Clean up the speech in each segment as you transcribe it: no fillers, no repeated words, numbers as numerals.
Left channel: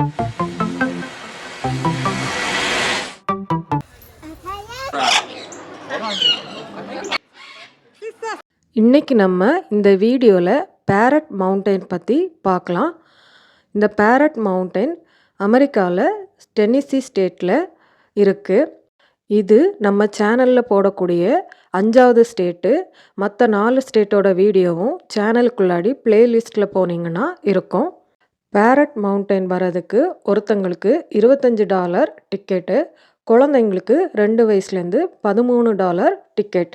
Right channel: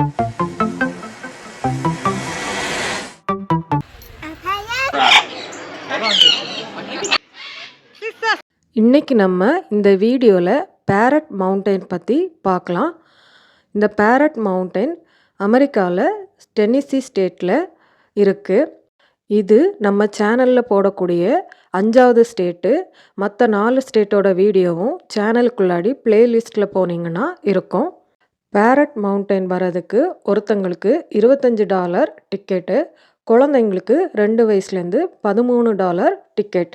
இன்னைக்கு நம்ம இந்த வீடியோவில் பேரட் மவுண்டைன் பற்றி பார்க்கலாம். இந்த பேரட் மவுண்டைன் அமெரிக்காவில் டென்னசி ஸ்டேட்டில் இருக்குது. இது நம்ம சேனலில் போடக்கூடிய 5வது ஸ்டேட்டு. மற்ற 4 ஸ்டேட்டோட வீடியோவும் சேனலுக்குள்ளாடி பிளேலிஸ்ட்டில் போனீங்கன்னா இருக்கும். பேரட் மவுண்டைன் வர்றதுக்கு ஒருத்தங்களுக்கு $25 டிக்கெட்டு, குழந்தைங்களுக்கு 2 வயசுலேருந்து $13 டிக்கெட்.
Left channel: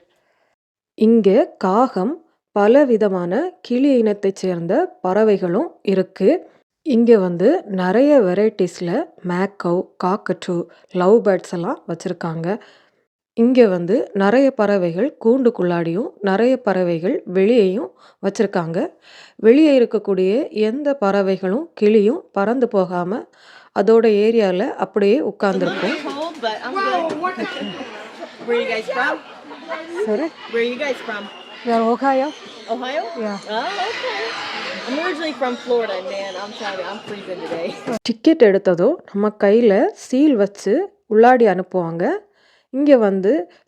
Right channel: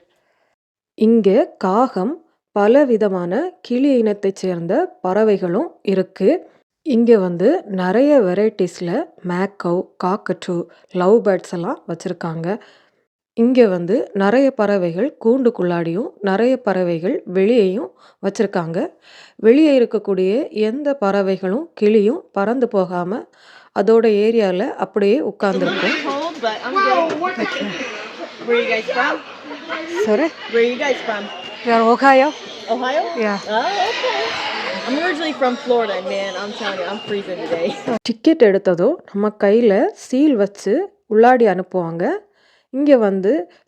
இங்கே காகம், பல விதமான கிளி இனத்தைச் சேர்ந்த பறவைகளும் இருக்குது. இங்கே நிறைய வெரைட்டிஸில் மேக்கவ், காக்கட்டூ, லவ் பேர்ட்ஸ் எல்லாம் வச்சுருக்காங்க. இங்கே நிறைய பறவைகள் கூண்டுக்குள்ளாடியும் நிறைய பறவைகள் வெளியேயும் வச்சுருக்காங்க. வெளியே இருக்கக்கூடிய எந்த பறவைகளும் கிளியும் பறந்து போகாமல் அதோட ஏரியாவில் அப்படியே உட்கார்ந்துருக்கும். Where are you guys from? Sorry? Where are you guys from? We are Ohio. Ohio? Yeah. Oh, okay. I'm originally from Florida, man. I'm telling you, I'm freezing today. Ticket எடுத்ததும் நம்ம கையில் சீல் வச்சு உள்ளாடி அனுப்புவாங்க. இங்கே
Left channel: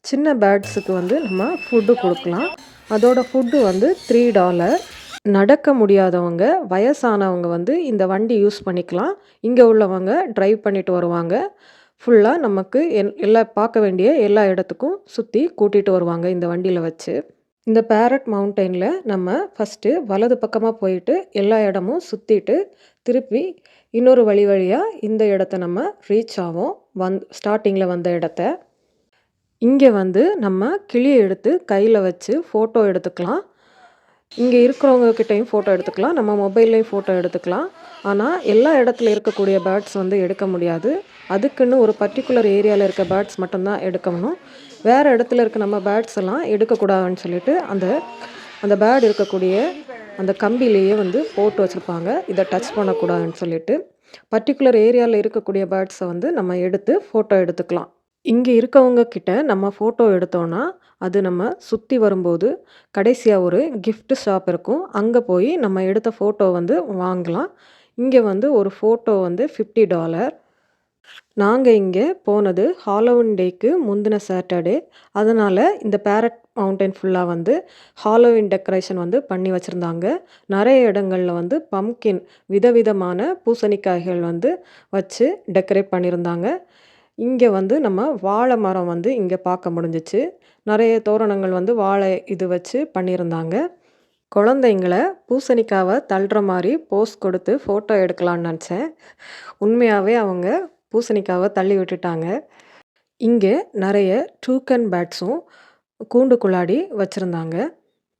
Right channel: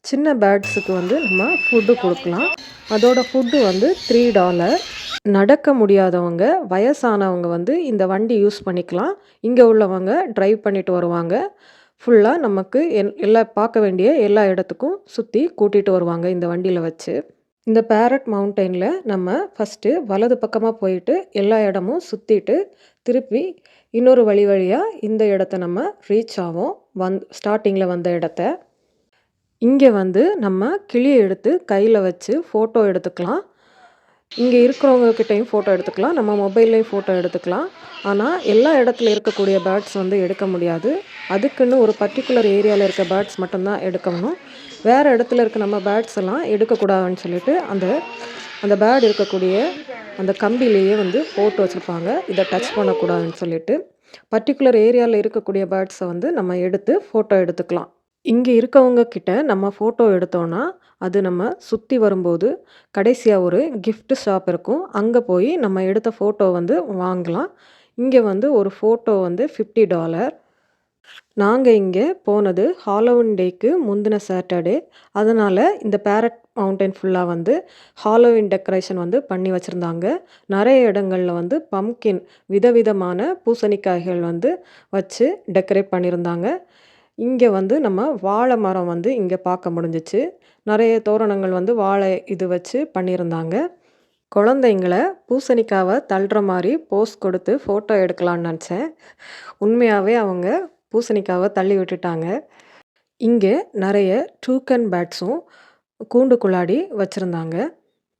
சின்ன பேர்ட்ஸுக்கு நம்ம food கொடுக்கலாம். அதோட ஃபுட்டு $3. நடக்க முடியாதவங்க, வயசானவங்க இந்த வண்டி யூஸ் பண்ணிக்கலாம். இங்கே உள்ளவங்க ட்ரைவ் பண்ணிட்டு வருவாங்க. ஃபுல்லாக நமக்கு பார்க்க வேண்டிய எல்லா இடத்துக்கும் சுற்றி கூட்டிகிட்டு வருவாங்க இந்த வண்டியில் வச்சு. இந்த பேரட் மவுண்டைனில் நம்ம ஃபஸ்ட்டு வலது பக்கமாக போயிட்டு எல்லா இடமும் சுற்றிட்டு திருப்பி இன்னொரு வழியாக இந்த இடத்த நம்ம ரீச் ஆகும். ஸ்டார்டிங்கில் வந்த இடத்த இங்கே நம்ம கிளியை எடுத்து கையில் வச்சு ஃபோட்டோ எடுத்துக்கலாம். இங்கே இருக்கிறவங்கக்கிட்டையும் ஃபோட்டோ எடுத்துக்கலாம், நம்ம மொபைல்லையும் ஃபோட்டோ எடுத்துக்கலாம். ஆனால் எல்லா இடத்துல இருக்கக்கூடிய பேர்ட்ஸ் எடுக்க முடியாது. அதுக்குன்னு ஒரு பர்டிகுலர் ஏரியாவில் இருக்க பேர்ட்ஸ் மட்டும்தான் எடுக்கணும். வேறு இடத்துல இருக்க நம்ம பேர்ட்ஸ் எல்லாம் எடுக்கக்கூடாதுன்னு சொல்லிட்டு அந்த பேர்டு இருக்கக்கூடிய அந்த கம்பிலேயே போட்டு வச்சுருப்பாங்க, இதை டச் பண்ணக்கூடாதுன்னு சொல்லிட்டு. பர்டிகுலர் ஏரியாவில் இருக்கக்கூடிய பேர்ட்ஸை நம்ம எடுத்து ஃபோட்டோ எடுத்துக்கலாம். இங்கே இருக்கவங்க கிட்ட நம்ம ஃபோட்டோ எடுத்தோன்னா அது நம்ம சுற்றி வரும்போது கடைசியாக ஒரு gift ஷாப் இருக்கும், அங்கே போய் நம்ம எடுத்த ஃபோட்டோ வாங்கலாம். இங்கே ஒரு ஃபோட்டோ $50. நாங்கள் இங்கே போனது ஹாலோவின் டேக்கு முந்தின சாட்டர்டே. அதனால் இந்த பேரட் மவுண்டைன் ஃபுல்லாக ஹாலோவின் டெக்கரேஷன் பண்ணி வச்சுருந்தாங்க. நிறைய இடங்களில் பம்கின், விதவிதமான பூசணிக்காய்கள் வச்சு டெக்கரேட் பண்ணியிருந்தாங்க. இங்கே நம்ம வாழை மரம் இங்கே பார்க்க முடிஞ்சிச்சு. நிறைய தோரணங்கள் வாழை இது வச்சு பண்ணியிருந்தாங்க. குழந்தைங்களை பூசணிக்காவை தள்ளுற மாதிரி போஸ் கொடுத்து ஃபோட்டோ எடுக்கலான்னு நினச்சேன். உண்மையாகவே அவங்க பூசணிக்காவை தள்ளி விட்டுட்டாங்க. இங்கே நிறைய டூக்கன் பேர்ட்ஸும் கூண்டுக்குள்ளாடி வச்சுருந்தாங்க.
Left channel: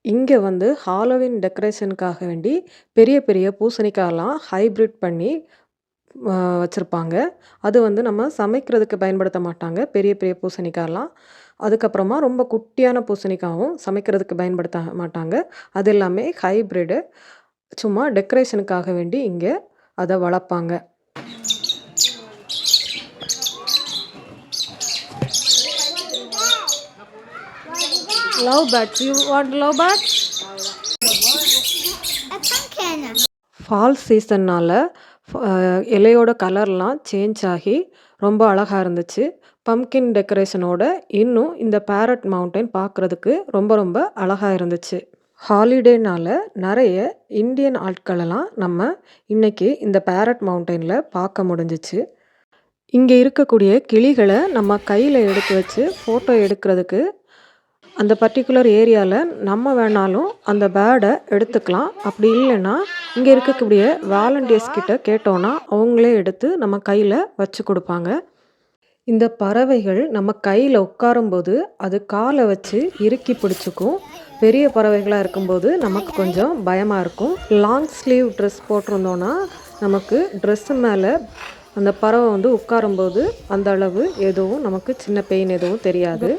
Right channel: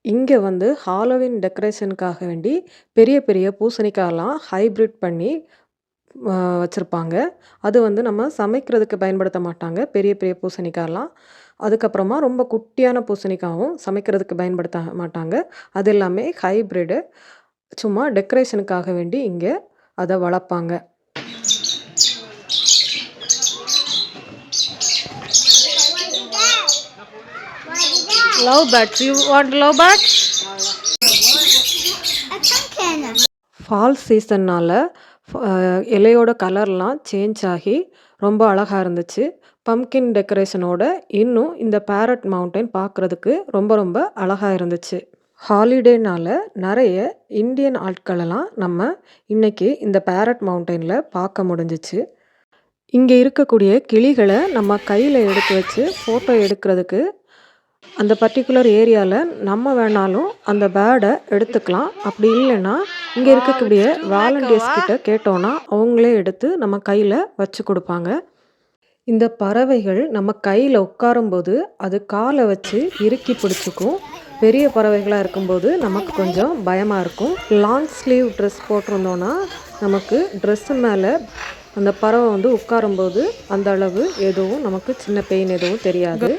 இங்கே ஹாலோவின் டெக்கரேஷனுக்காக வேண்டி பெரிய பெரிய பூசணிக்காயெல்லாம் ஹைப்ரிட் பண்ணி வச்சுருப்பாங்க. அது நம்ம சமைக்கிறதுக்கு பயன்படுத்த மாட்டாங்க, பெரிய பெரிய பூசணிக்காயெல்லாம். அதுக்கப்புறமா ரொம்ப குட்டியான பூசணிக்காயும் சமைக்கிறதுக்கு பயன்படுத்த மாட்டாங்க. அது எல்லாமே ஹைப்ரிடு, சும்மா டெக்கரேஷனுக்காக வேண்டி இங்கே அதை வளர்ப்பாங்க. Love birds, you want love birds? Fall சீசன்னால் இலையோட கலர்லாம் சேஞ்ச் ஆகி ரொம்ப அழகாக இருந்துச்சு. பம்கின் டெக்கரேஷனோட இன்னும் இந்த பேரட் மவுண்டைன் பார்க்குறதுக்கு ரொம்ப ரொம்ப அழகாக இருந்துச்சு. ஹாலிடேனால் நிறைய இந்தியன் ஆட்களெல்லாம் நம்ம இன்றைக்கி இந்த பேரட் மவுண்டைனில் பார்க்க முடிஞ்சிச்சு. இங்கே இருக்கக்கூடிய கிளிகளை நம்ம கையில் எடுத்து வச்சு ஃபோட்டோ எடுக்கிறதுக்கு அந்த பர்டிகுலர் ஏரியாவில் நம்ம வேணாலும் அந்த பேர்டை எடுத்துக்கலாம். அப்படி இல்லைன்னா இங்கே இருக்கக்கூடிய வாலண்டியர்ஸ் கிட்ட கேட்டோன்னா அவங்களே எடுத்து நம்ம கையில் வச்சு கொடுப்பாங்க. இந்த பறவைகள் நம்ம கையில் உட்காரும்போது அது காலை வச்சு இறுக்கி பிடிச்சிக்கும். பெரிய பறவைகளாக இருக்கும்போது நமக்கு கொஞ்சம் பயமாக இருக்கும். லாங் ஸ்லீவ் ட்ரெஸ் போட்டிருந்தோன்னா நமக்கு ட்ரெஸ்ஸு மேலே அந்த பறவை உட்காரும்போது அந்த அளவு எதுவும் நமக்கு சின்ன பெயின் எதுவும் தெரியாது.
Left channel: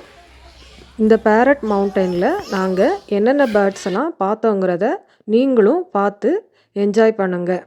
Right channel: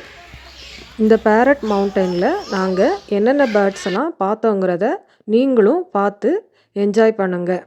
இந்த பேரட் மவுண்டைனில் நாங்கள் என்னென்ன பேர்ட்ஸ் எல்லாம் பார்த்தோங்கிறத நீங்களும் பார்த்து என்ஜாய் பண்ணுங்கள்.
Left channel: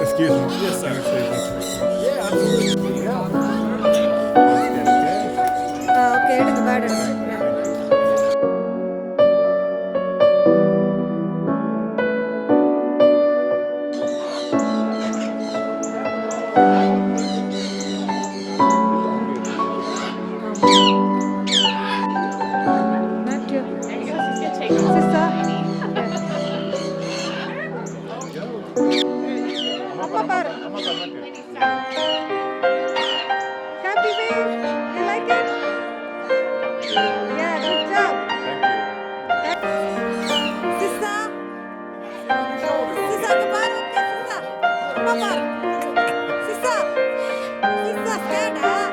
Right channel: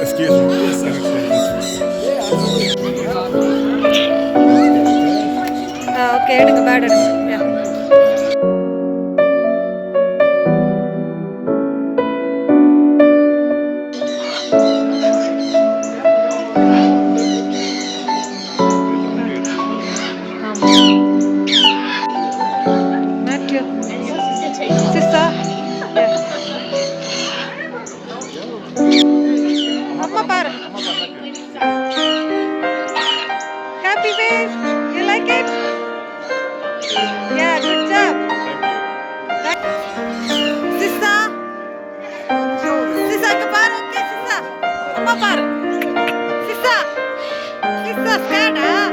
Excuse me. Yes, sir. Yeah, absolutely. Yeah. Let's get okay. Okay எடுங்க பேட் எடுங்க. Matthew. Sister. Yeah. அம்மா பாரு. Happy face. You like it? Yeah, good job. Thank you. Sister. Sister ke பாரு. Okay, sister. அம்மா பாரு. Sister. Sister scared ah?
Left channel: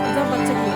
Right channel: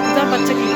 இதுதான் பச்சை கிளி.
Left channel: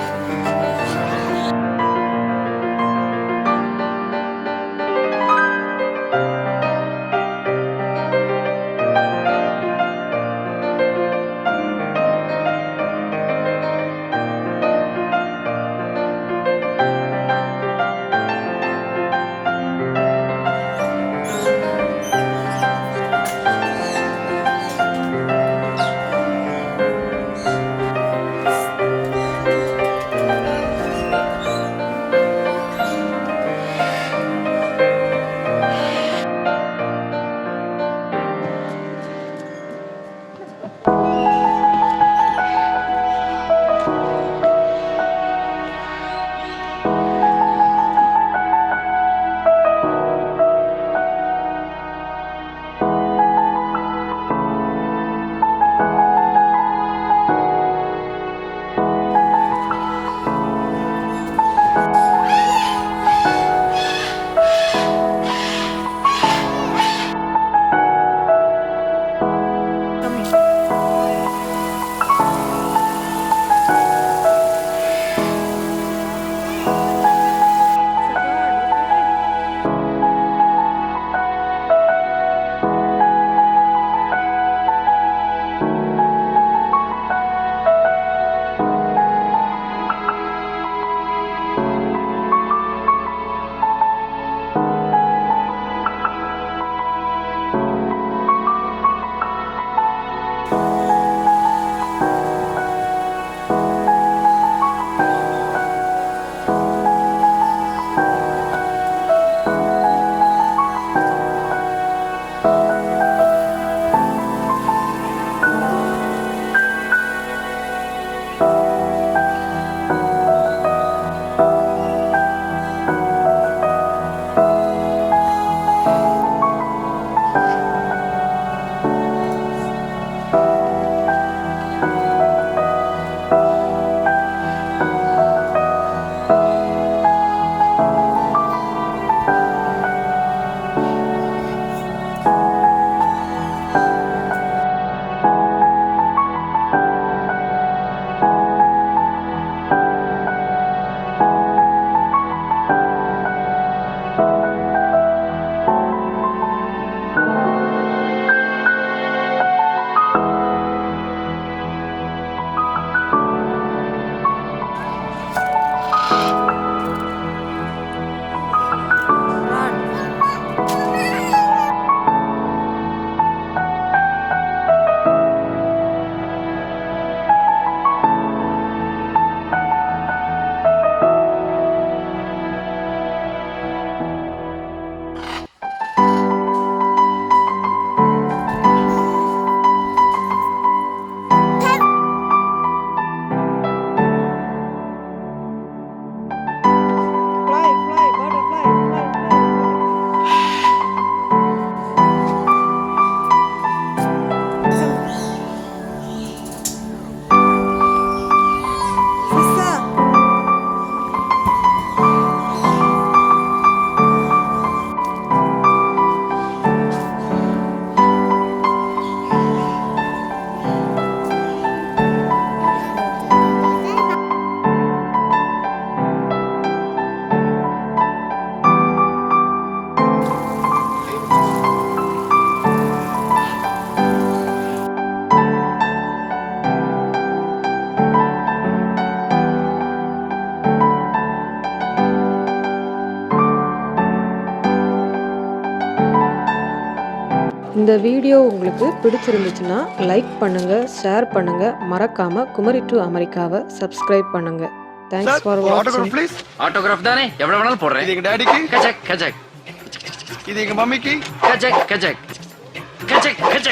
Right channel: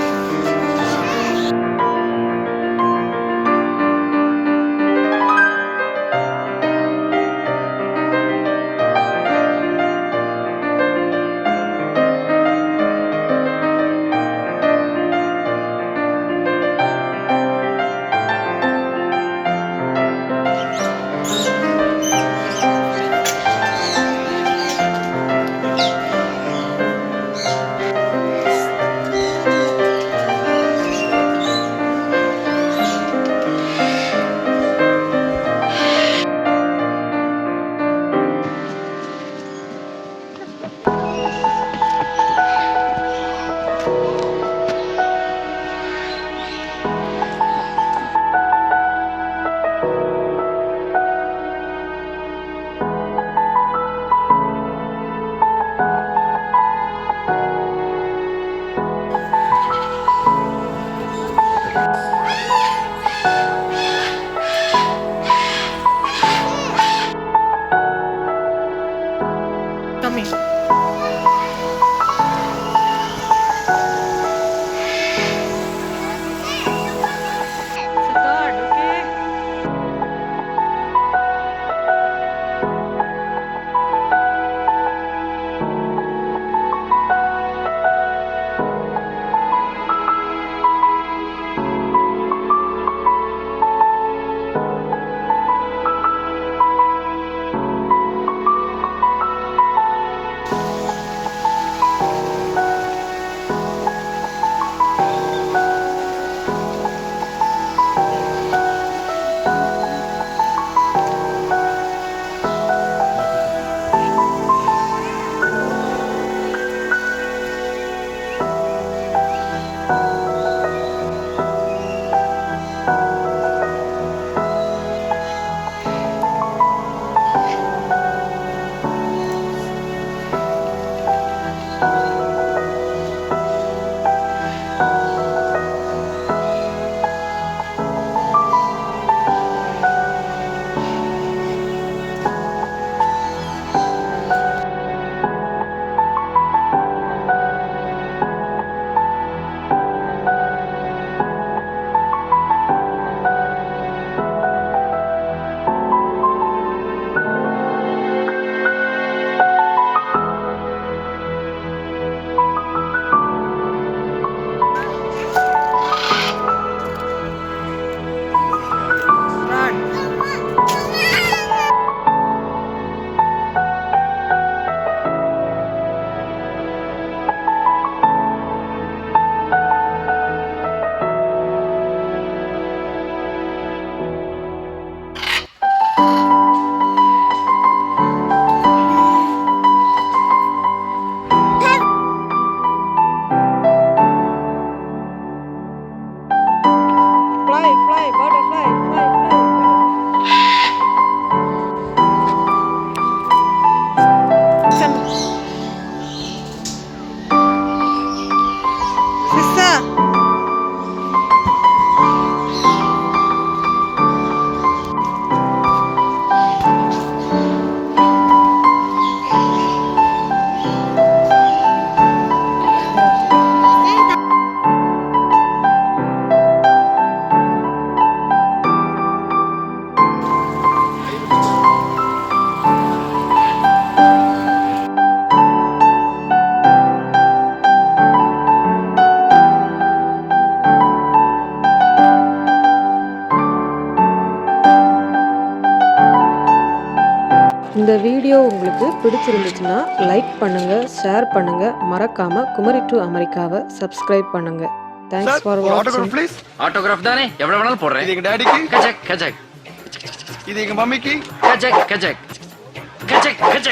இந்த வீடியோ உங்களுக்கு பிடிச்சிருந்துச்சுன்னா லைக் பண்ணுங்கள், ஷேர் பண்ணுங்கள், மறக்காமல் குமரி டு அமெரிக்காவை சப்ஸ்கிரைப் பண்ணுங்கள். தேங்க்ஸ் ஃபார் வாட்சிங். ப்ளீஸ். ஆட்டோகிராஃப் தானே, எவ்வளவு வேணாலும் போடுறேன். இது எங்க டாடிக்கு. கஜக் கஜக் இது எங்க மம்மிக்கு. கஜக் கஜக் கஜக் கஜக்.